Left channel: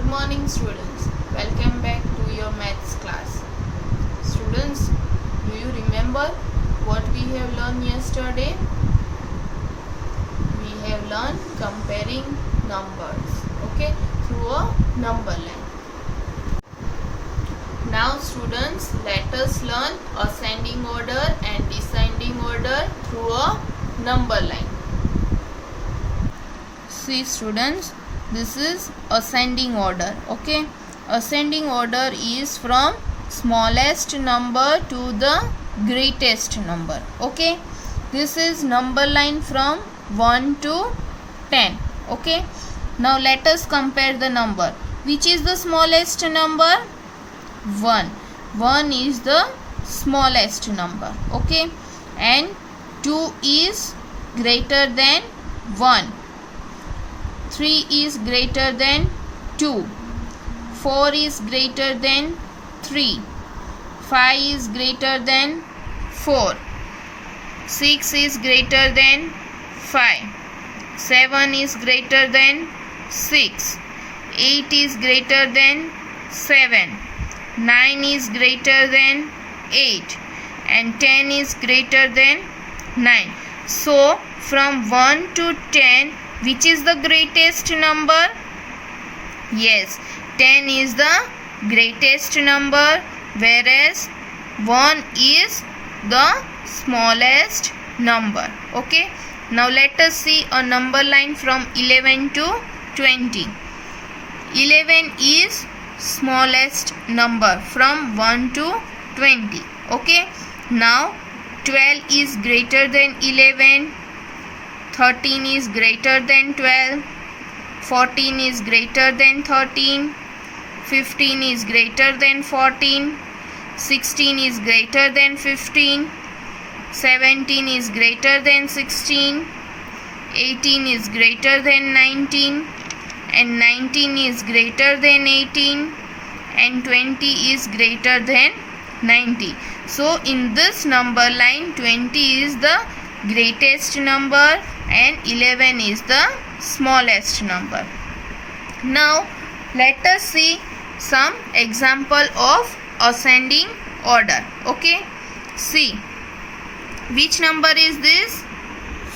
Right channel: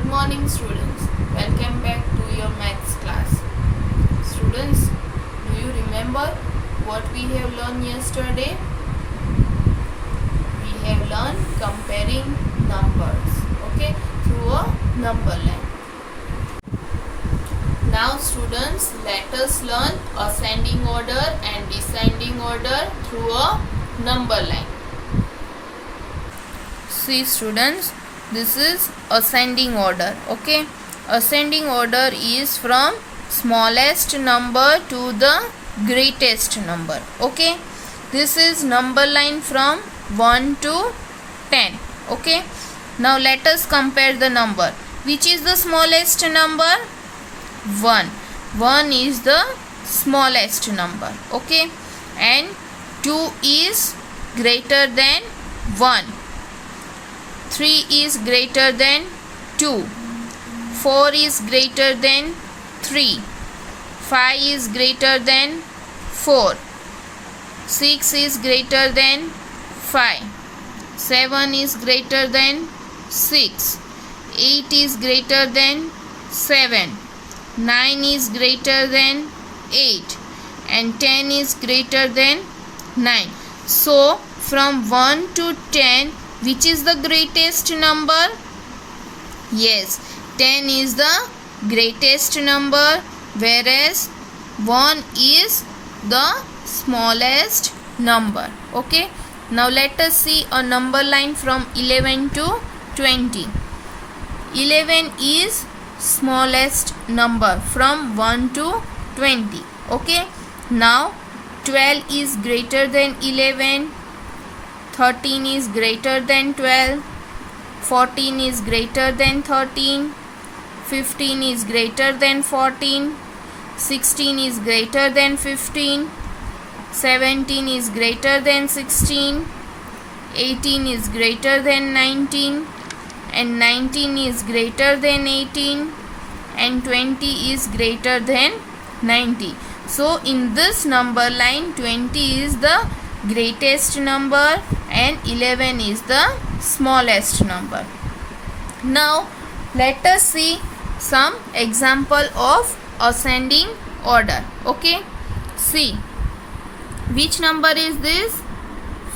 Good morning students. Welcome back to your maths class. Students, do you remember what we have learned yesterday? We have learned comparing numbers, okay, through a number line. Now students, let us learn ascending order and descending order through a number line. See students, this is ascending order, okay. Ascending order is from smallest number to the greatest number, okay. This is number line from 1 to 10, okay. Now let us compare the number. Which is the smallest number? 1. 1 is the smallest number, okay. And 2 is greater than 1. 3 is greater than 2. 4 is greater than 3. 5 is greater than 4. 6 is greater than 5. 7 is greater than 6. 8 is greater than 7. 9 is greater than 8. And 10 is greater than 9. So, from 1 to 10, which is the greatest number? Yes, 10 is the greatest number, whereas 1 is the smallest number. Okay. Now let us see a number line from 11 to 20. 11 is smallest number from 1 to 20. Okay. Now 12 is greater than 11. 13 is greater than 12. 14 is greater than 13. 15 is greater than 14. 16 is greater than 15. 17 is greater than 16. 18 is greater than 19. And 19 is greater than 18. And 20 is greater than 90. So in this number line, 20 is the greatest number and 11 is the smallest number. Now let us see some example of ascending order. Okay, see, which number is this?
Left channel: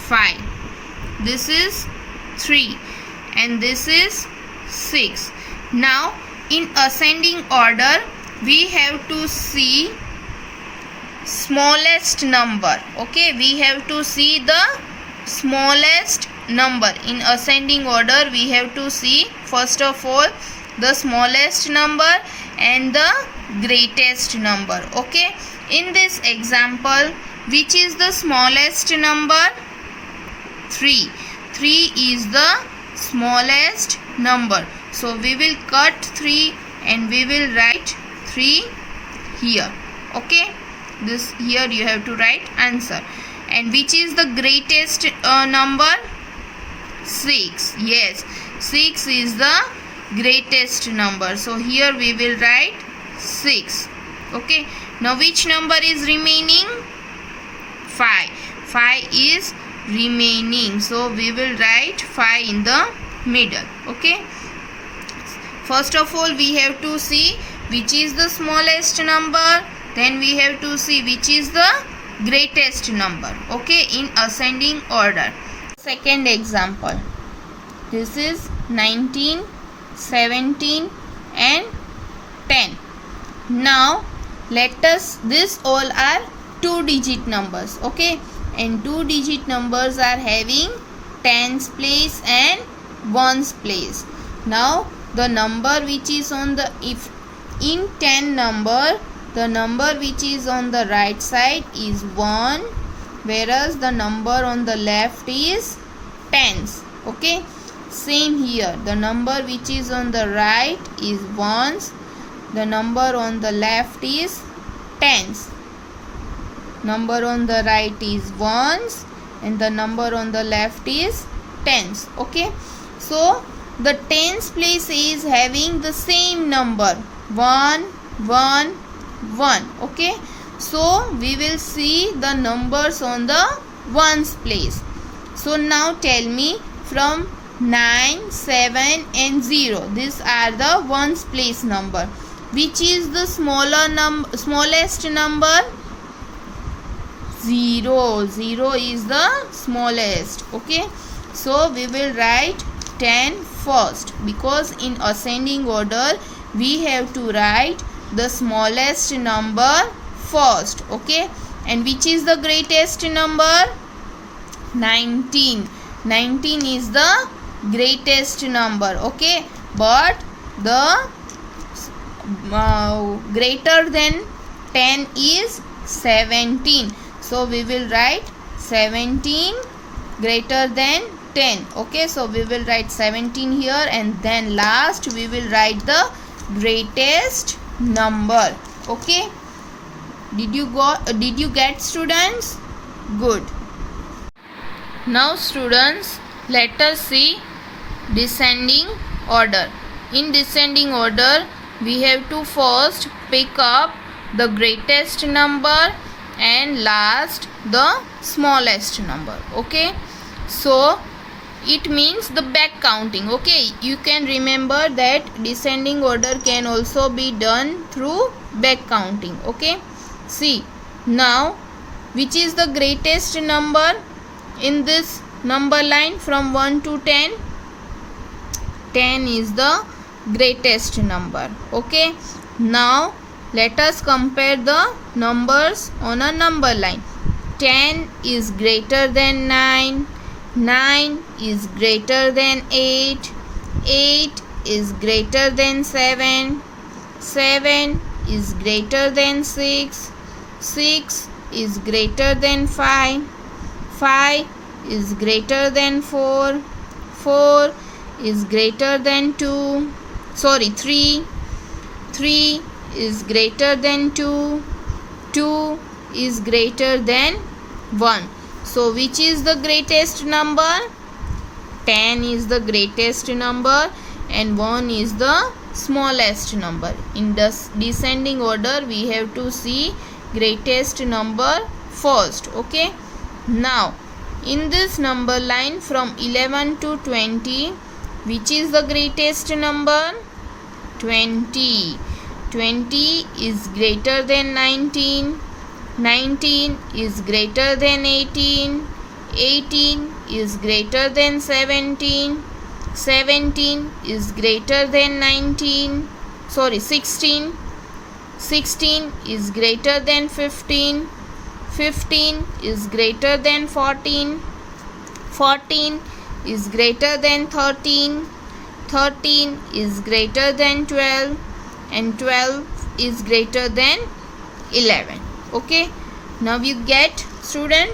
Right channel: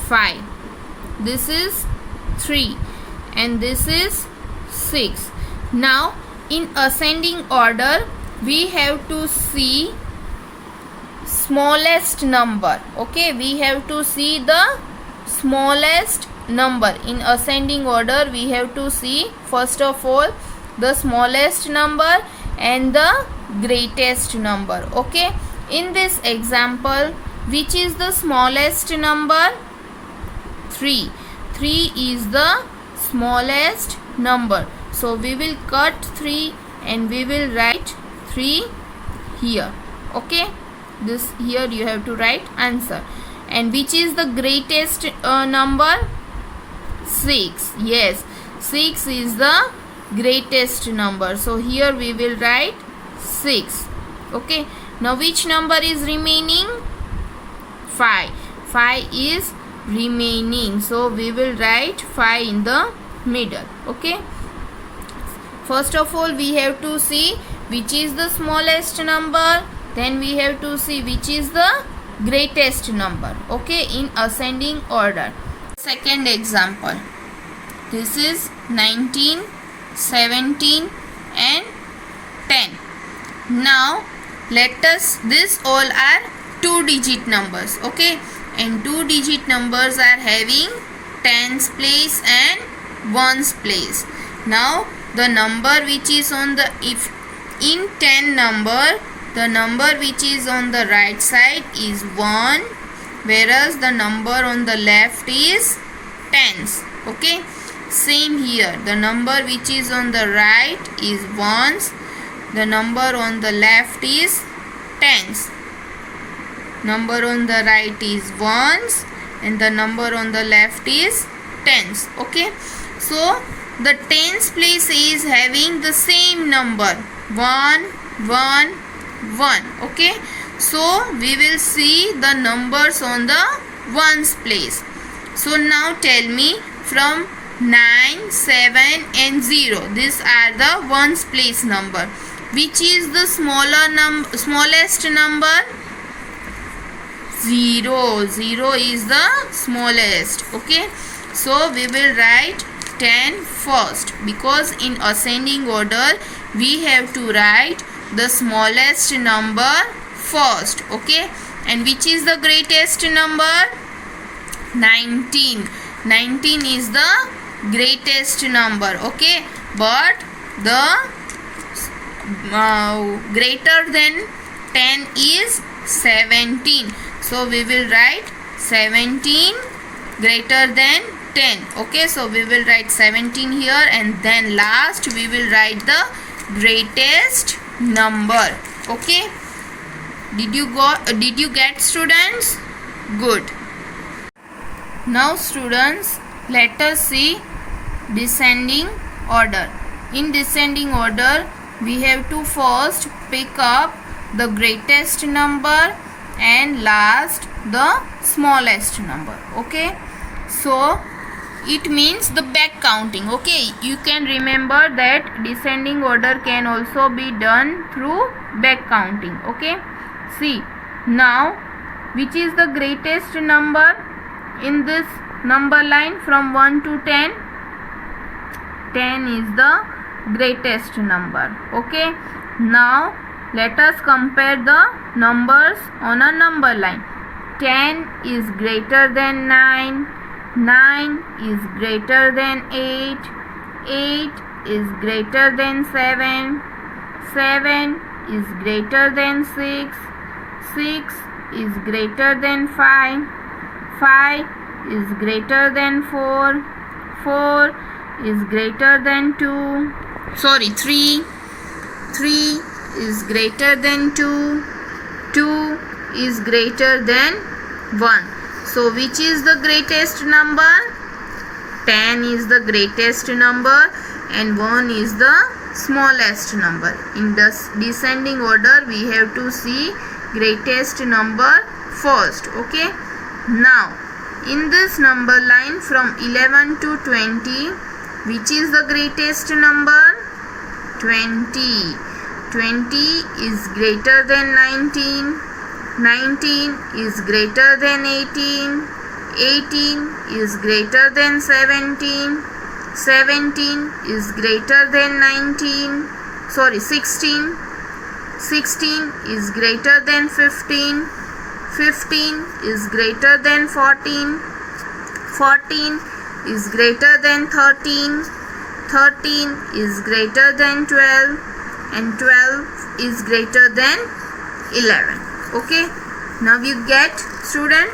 5. This is 3 and this is 6. Now in ascending order, we have to see smallest number. Okay, we have to see the smallest number. In ascending order, we have to see first of all the smallest number and the greatest number. Okay, in this example, which is the smallest number? 3. 3 is the smallest number. So we will cut 3 and we will write 3 here. Okay, this here you have to write answer. And which is the greatest number? 6. Yes, 6 is the greatest number. So here we will write 6. Okay, now which number is remaining? 5. 5 is remaining. So we will write 5 in the middle. Okay, first of all we have to see which is the smallest number. Then we have to see which is the greatest number. Okay, in ascending order. Second example. This is 19, 17 and 10. Now let us, this all are 2-digit numbers. Okay, and 2-digit numbers are having tens place and ones place. Now the number which is on the, if in 10 number, the number which is on the right side is 1, whereas the number on the left is tens. Okay, same here, the number which is on the right is ones, the number on the left is tens. Number on the right is ones and the number on the left is tens. Okay, so the tens place is having the same number 1, 1, 1. Okay, so we will see the numbers on the ones place. So now tell me, from 9, 7 and 0. These are the ones place number. Which is the smallest number? 0. 0 is the smallest. Okay. So we will write 10 first, because in ascending order we have to write the smallest number first. Okay. And which is the greatest number? 19. 19 is the greatest number. Okay. But the greater than 10 is 17. So we will write 17 greater than 10. Okay. So we will write 17 here, and then last we will write the greatest number. Okay. Did you get, students? Good. Now students, let us see descending order. In descending order, we have to first pick up the greatest number and last the smallest number. Okay. So it means the back counting. Okay. You can remember that descending order can also be done through back counting. Okay. See, now which is the greatest number in this number line from 1 to 10? 10 is the greatest number. Okay. Now let us compare the numbers on a number line. 10 is greater than 9. 9 is greater than 8. 8 is greater than 7. 7 is greater than 6. 6 is greater than 5. 5 is greater than 4. 4 is greater than 3. 3 is greater than 2. 2 is greater than 1. So which is the greatest number? 10 is the greatest number and 1 is the smallest number. In the descending order, we have to see greatest number first. Okay. Now in this number line from 11 to 20, which is the greatest number? 20. 20 is greater than 19. 19 is greater than 18. 18 is greater than 17. 17 is greater than 16. 16 is greater than 15. 15 is greater than 14. 14 is greater than 13. 13 is greater than 12. And 12 is greater than 11. Okay. Now you get, student?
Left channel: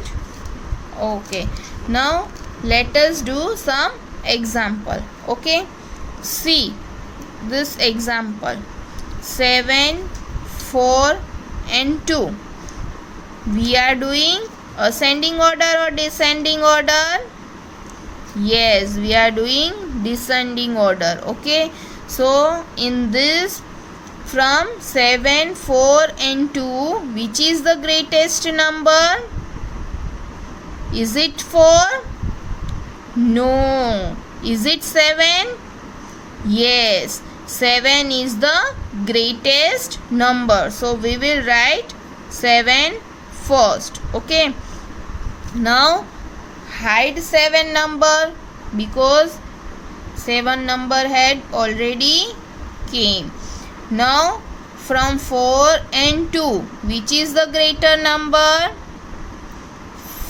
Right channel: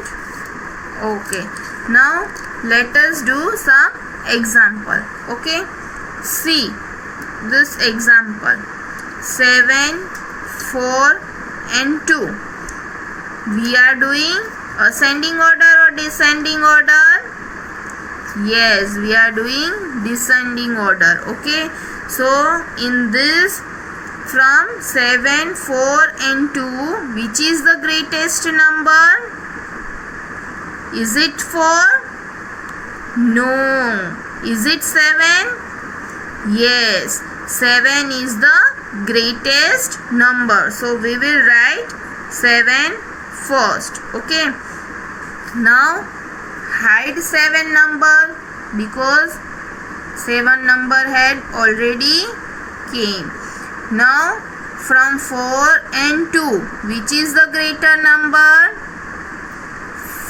Okay. Now let us do some example. Okay. See this example. 7, 4 and 2. We are doing ascending order or descending order? Yes, we are doing descending order. Okay. So in this, from 7, 4 and 2, which is the greatest number? Is it 4? No. Is it 7? Yes. 7 is the greatest number. So we will write 7 first. Okay. Now hide 7 number, because 7 number had already came. Now from 4 and 2, which is the greater number?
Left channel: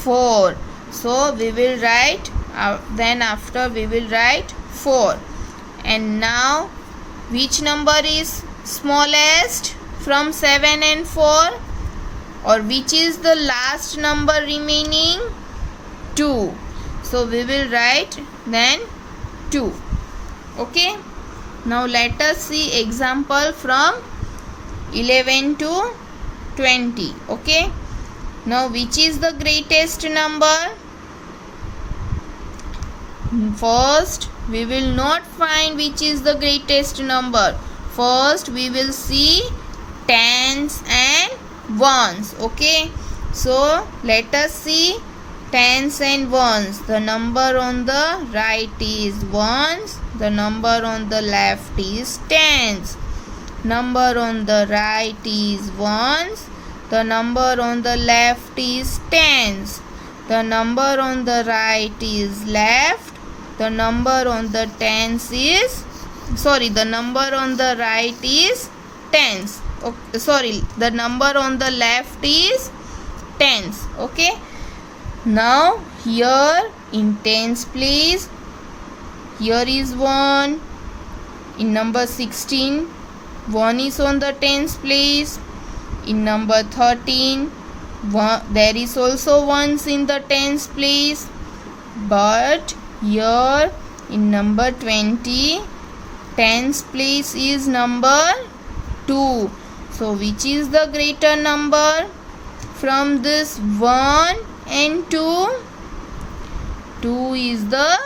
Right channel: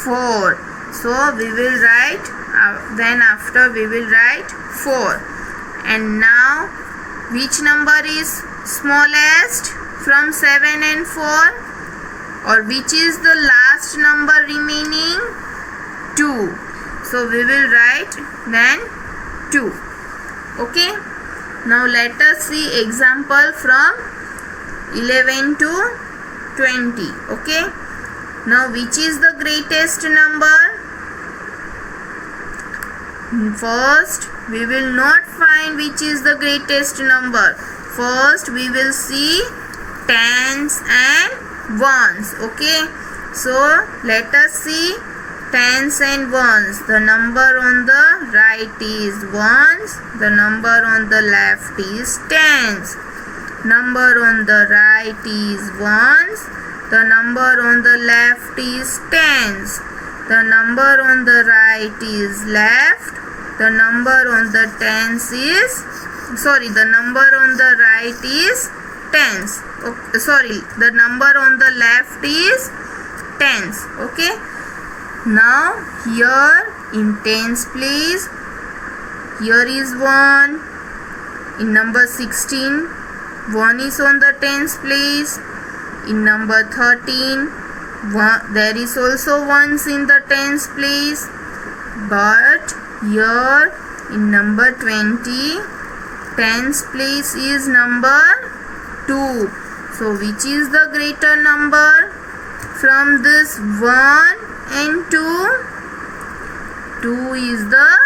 4. So we will write, then after we will write 4. And now which number is smallest from 7 and 4? Or which is the last number remaining? 2. So we will write then 2. Okay. Now let us see example from 11 to 20. Okay. Now which is the greatest number? First we will not find which is the greatest number. First we will see tens and ones. Okay. So let us see tens and ones. The number on the right is ones. The number on the left is tens. Number on the right is ones. The number on the left is tens. The number on the right is left. The number on the tens is the number on the right is tens. Okay, the number on the left is tens. Okay. Now here in tens place, here is 1. In number 16, 1 is on the tens place. In number 13, there is also ones in the tens place. But here in number 20, tens place is number 2. So which is the greater number from this 1 and 2? 2 is the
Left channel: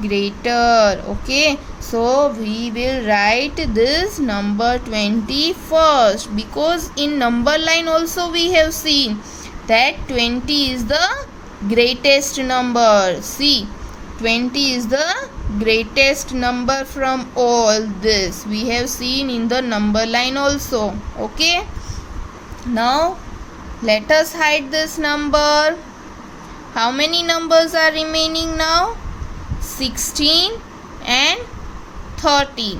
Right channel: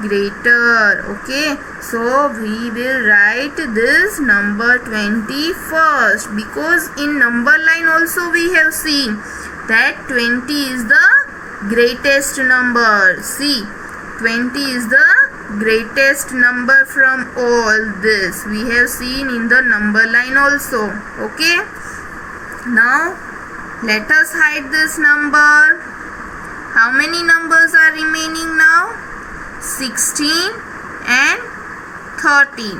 greater. Okay, so we will write this number 20 first, because in number line also we have seen that 20 is the greatest number. See, 20 is the greatest number from all this. We have seen in the number line also. Okay, now let us hide this number. How many numbers are remaining now? 16 and 13.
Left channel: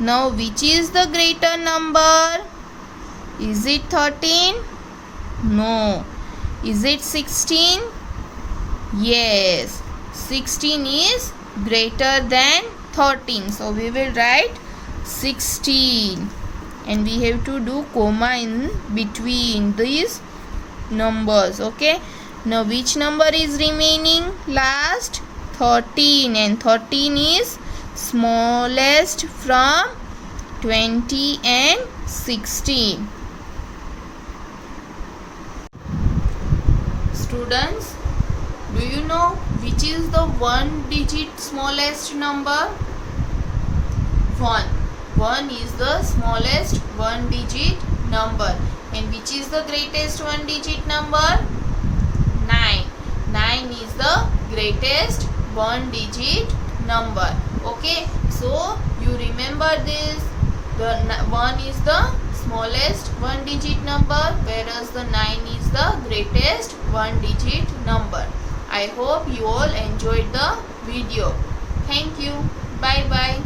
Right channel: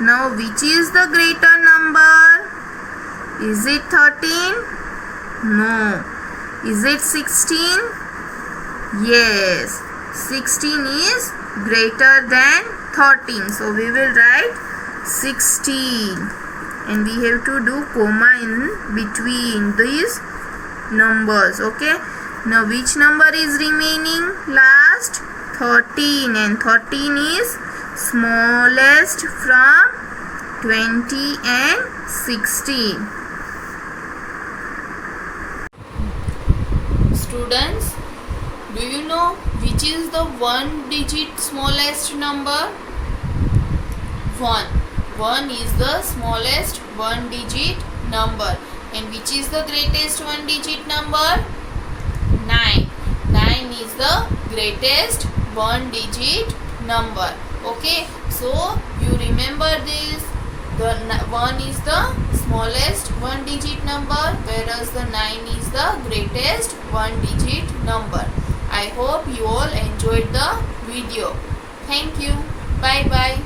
Now which is the greater number? Is it 13? No. Is it 16? Yes. 16 is greater than 13. So we will write 16. And we have to do comma in between these numbers. Okay. Now which number is remaining last? 13, and 13 is smallest from 20 and 16. Students, do you know which is the one digit smallest number? 1. 1 is the smallest one digit number. And which is the greatest one digit number? 9. 9 is the greatest one digit number. Okay, so you remember this. The 1 is the smallest one digit number, whereas the 9 is the greatest one digit number. I hope you all enjoyed the video. Thank you. Bye bye.